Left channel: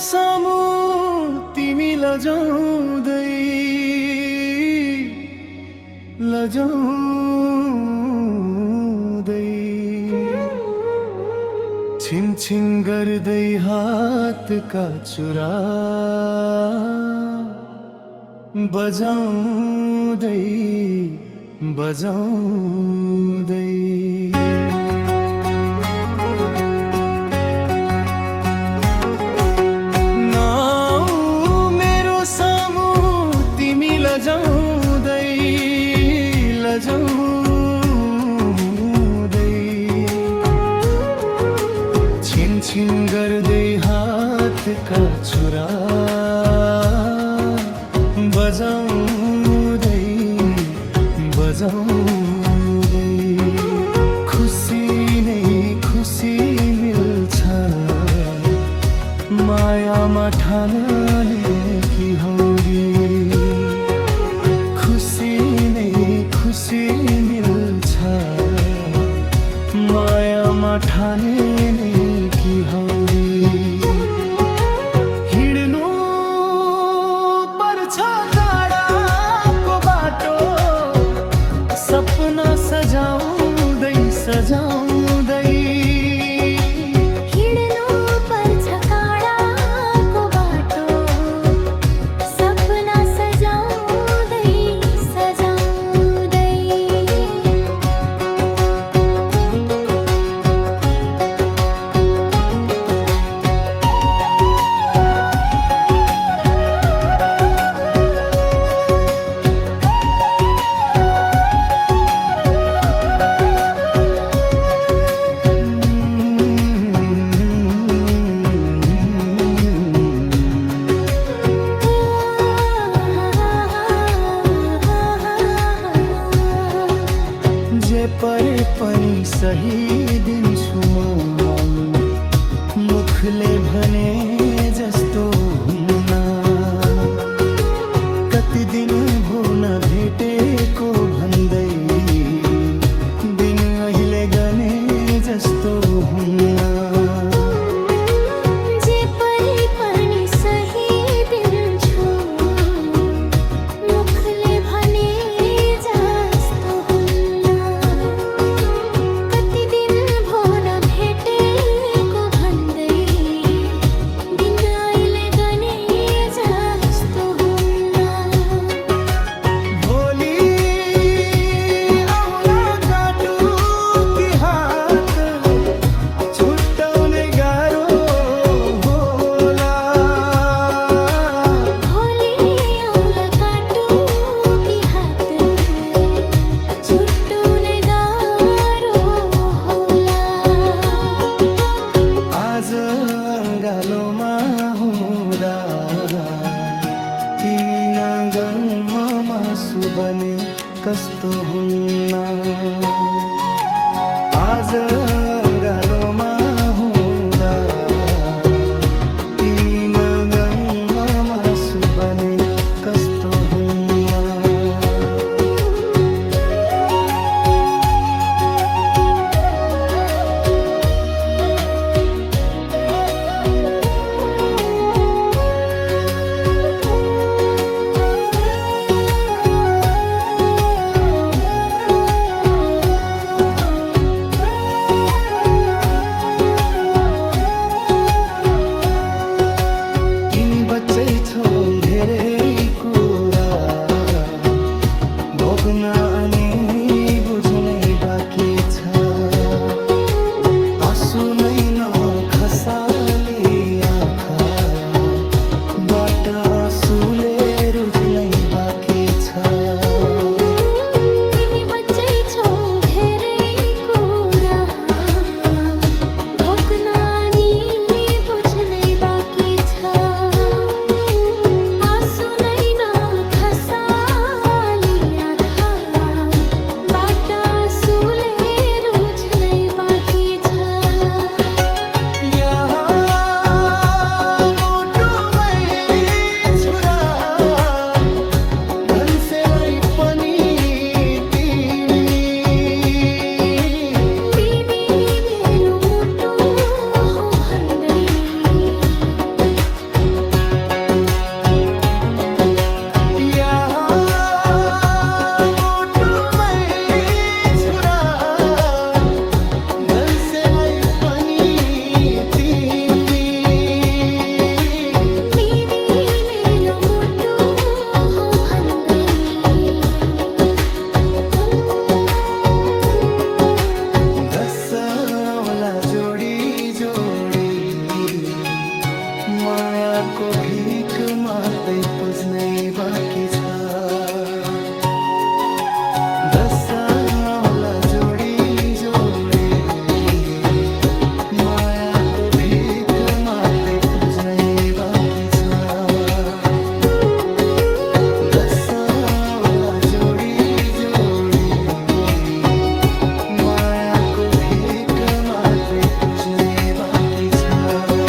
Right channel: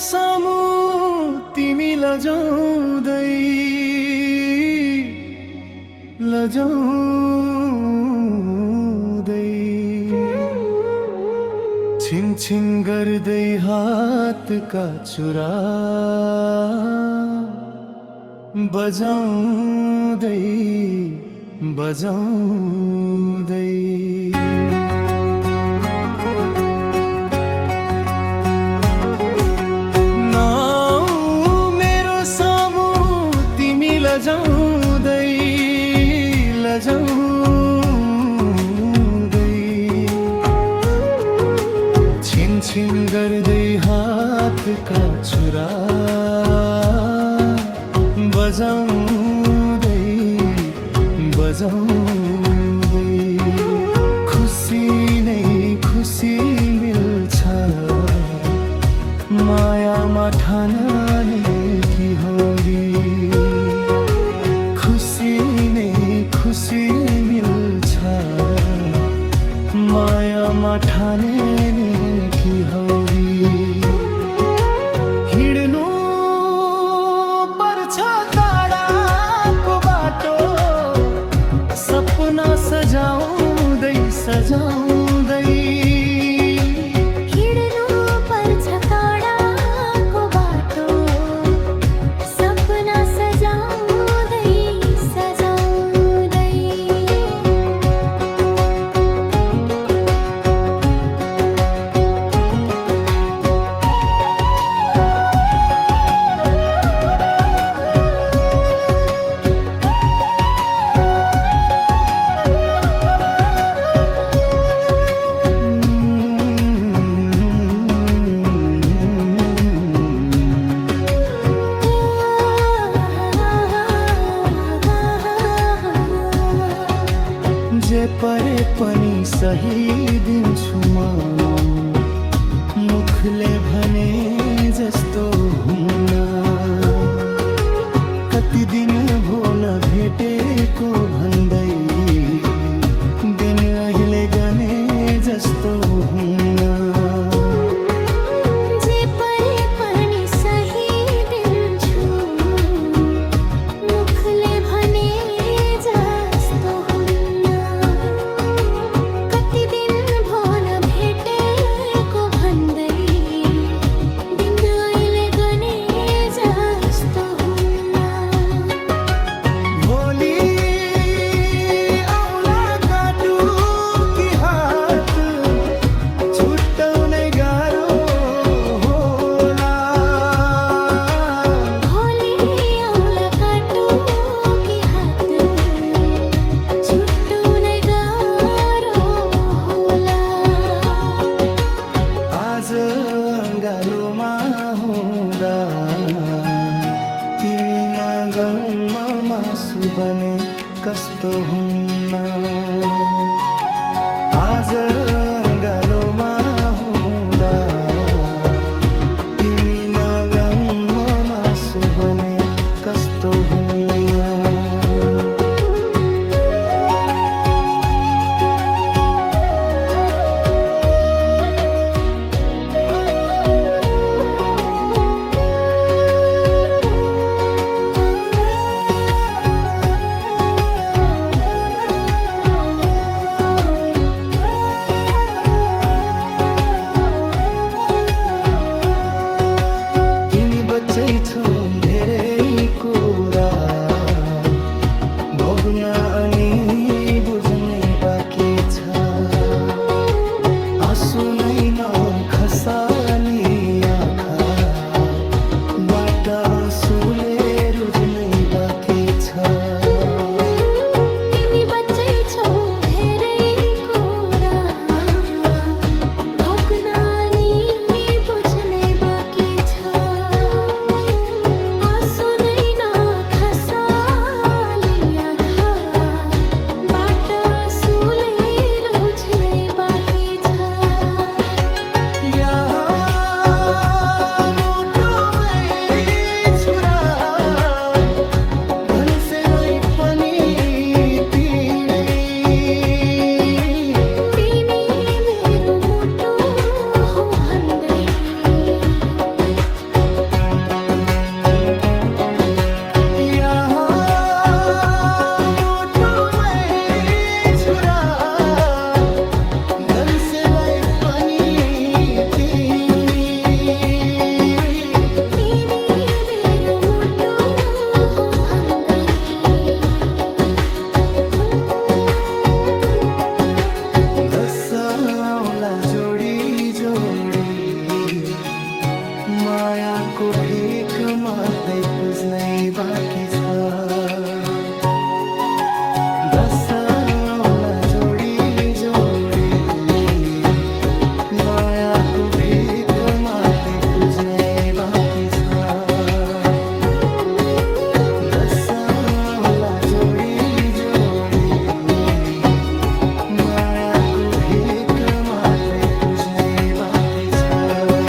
सामु तिमी लजाउँदै लजाउँदै छिन गर्दै हातका चुरा बजाउँदै बजाउँदै लजाउँदै लजाउँदै छिन गर्दै हातका चुरा बजाउँदै बजाउँदै खुसी नै खुसी मिल्छ मायामा ठानने की होगी खुसी नै खुसी मिल्छ मायामा ठाने की हौरी हिँड्नु पर्छ टाढाको बाटो सपना सजाउँदै सजाउँदै जे परे पनि सही दिन्छु म मुखले भने जस्तो हुन्न कति दिन भो नभेटेको भन्दै दिन अहिले गने जस्तो हुन्न जे परे पनि सही दिन्छु मुखले भने जस्तो हुन्न कति दिन भो नभेटेको भन्दै दिन अहिले गने जस्तो हुन्न भोलि आउला काटु कि हात छुट्टाउनै गाह्रो होला भोलि आउला काटु कि हात छुट्टाउनै गाह्रो होला आज गालोमा हुँदा तिमी नगनमा मासु बने कस्तो हुन्न आज गालोमा हुँदा तिमी नगनमा मासु बने कस्तो हुन्न बच्चै छौ धेरै कुरा भोग्न अनि बुझ्नै बाँकी छ आँसु नै नखसाली आँखाबाट आँसुले रुझ्नै बाँकी छ तिमी बच्चै छौ धेरै कुरा भोग्न अनि बुझ्नै बाँकी छ आँसु नै नखसाली आँखाबाट आँसुले रुझ्नै बाँकी छ मायाको भिख माग्दै पुज्नै बाँकी छ। दशा आउला जोडी जोडी, मायाको भिख माग्दै पुज्नै बाँकी छ। दशा आउला जोडी जोडी, मायाको भिख माग्दै पुज्नै बाँकी छ।